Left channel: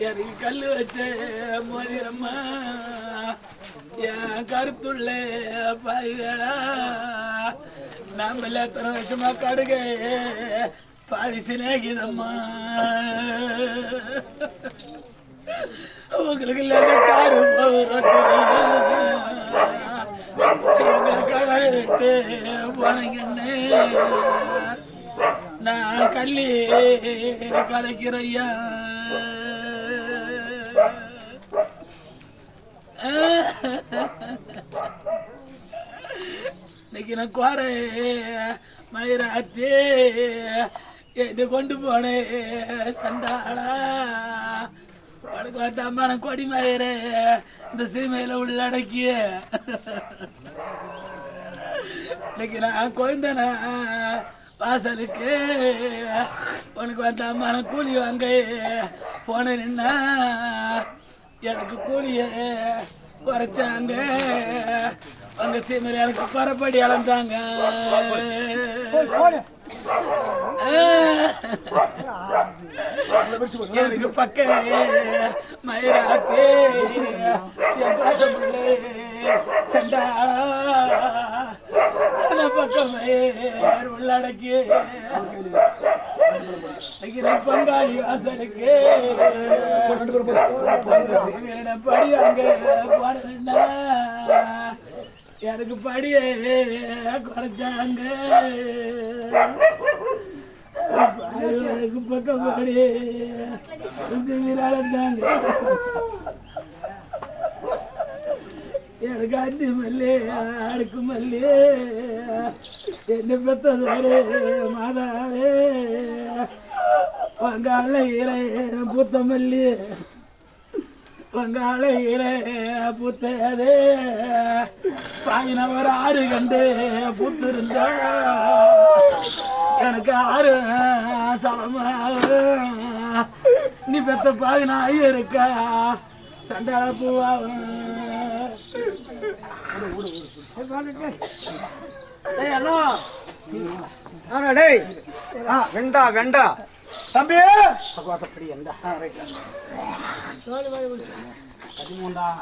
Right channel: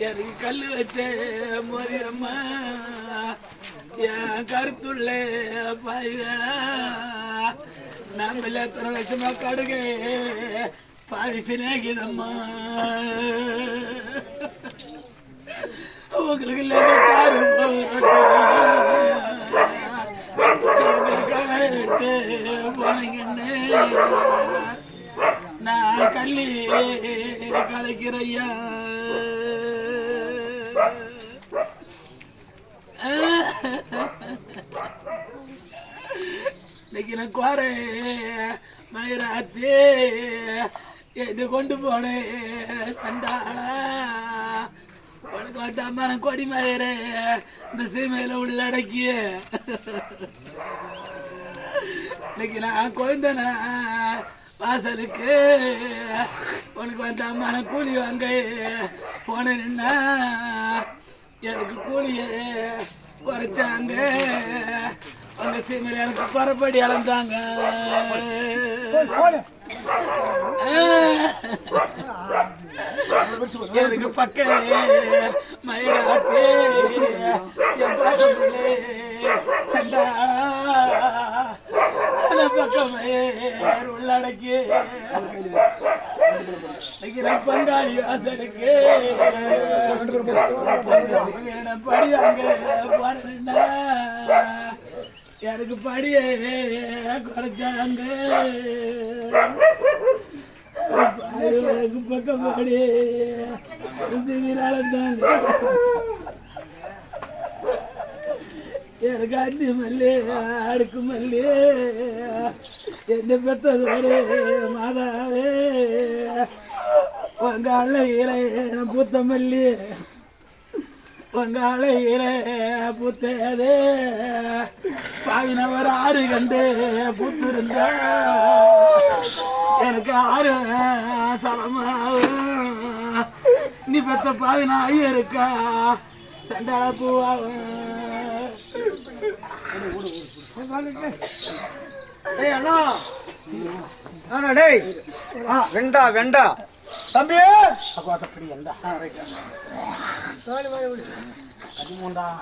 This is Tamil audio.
எனக்கு கல்லு வச்ச மோதிரம்மா என் கருத்துள்ள பாய்களா நம்மள எத்தனை வருஷமா கடுகை பாவி சிநேகிதம்மா உங்களுக்கு இல்லாத பாரு போனீங்கன்னு நான் கல்லி கலைக்கிறையா இன்னைக்கு நான் குறை மயிராத்தி எது கொண்டு போனேன் சண்டாளா உனக்கு வந்த அம்மான கொடி மயிறு இந்த சீமையில உள்ளடக்கிய இன்னைக்கு நான் கொய்ந்தன வாசலுக்கு உனக்கு வந்த அம்மான கூலி வாங்க போனேன்னா எனக்கு கூலிய குறைச்சாங்க உங்க சீமையில எனக்கு குறைப்படி அளந்தாங்க எனக்கு பக்க மயிராத்தே சண்டா பக்கம் உள்ளடக்கி பங்காளி வாசலுக்கு படி அங்க போனா எனக்கு படியே குறைச்சாங்க பக்கம் படி அளந்தாங்க எனக்கு அஞ்சு மல்லி அடுக்கு மல்லி என்ன பெற்றதோடு மாதாவே உங்க அழகில பூத்த மல்லி உங்க அழகில பூத்ததே பாவினவர் ஆறு கண்டு பூத்திருந்த எனக்கு ஆறு சமமாக நீ பெற்ற பாவினா இருக்கா சண்டாள பூவாகும் வெண்டா வெண்டா தம்பி பதிமூன்றாம்